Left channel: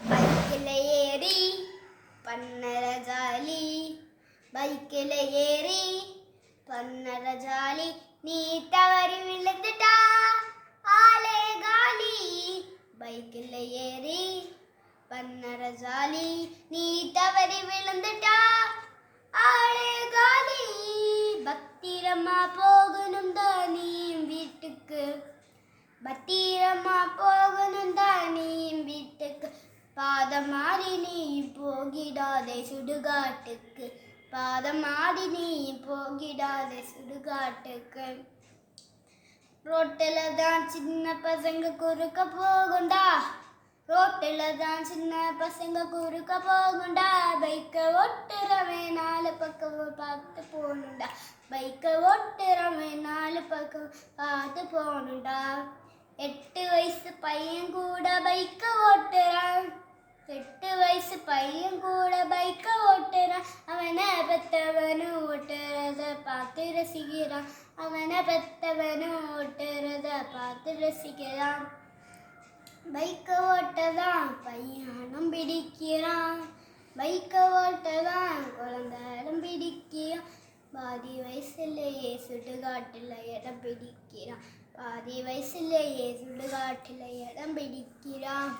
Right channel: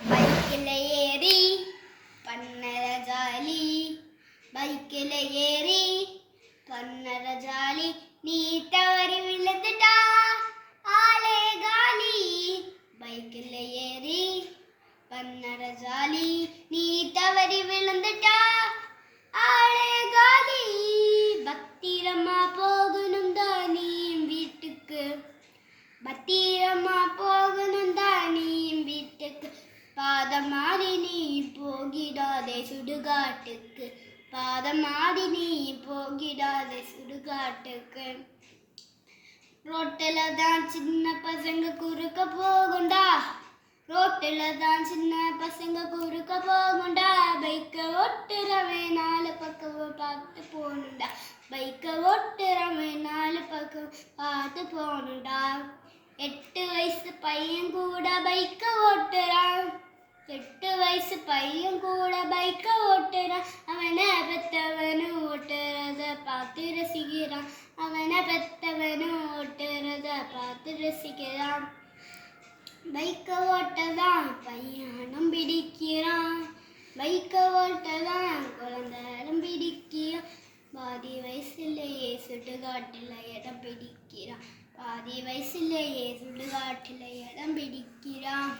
பைக்கில் ஏறி பண்ணற ஜாலி, பைக்கில் ஏறி பண்ணற ஜாலி, நீ தவறி விழுந்துட்டா ஆளே காலி. பைக்கில் ஏறி பண்ணற ஜாலி, நீ தவறி விழுந்துட்டா ஆளே காலி. பத்திரமா போகணும் தான் நீ வீட்டுக்கு, பத்திரமா போகணும் தான் நீ வீட்டுக்கு, பாதம் மாறி நீ போகிடாதே சுடுகாட்டுக்கு, பாதம் மாறி நீ போகிடாதே சுடுகாட்டுக்கு. ரோட்டில் தான் சின்ன பசங்க குறுக்க போகுண்டா, ரோட்டில் தான் சின்ன பசங்க குறுக்க போகுண்டா, பைக்கை ஓட்டுறவன் நாலு பக்கம் பார்த்து போகணுண்டா, பைக்கை ஓட்டுறவன் நாலு பக்கம் பார்த்து போகணுண்டா. 8 வயசு பையன் கூட பைக்கை ஓட்டுறான், 8 வயசு பையன் கூட பைக்கை ஓட்டுறான், அவனை பெத்தவனும் ஓட்டுறத பார்த்து ரசிக்கிறான், அவனை பெத்தவனும் ஓட்டுறத பார்த்து ரசிக்கிறான். பைக்கை ஓட்டதான் பையனும் பிடிக்கிறான், பைக்கை ஓட்டதான் குழந்தையும் பிடிக்கிறான், பாதி வயசுலேயே சுடுகாட்டில் இடம் பிடிக்கிறான், பாதி வயசுலேயே சுடுகாட்டில் இடம் பிடிக்கிறான்.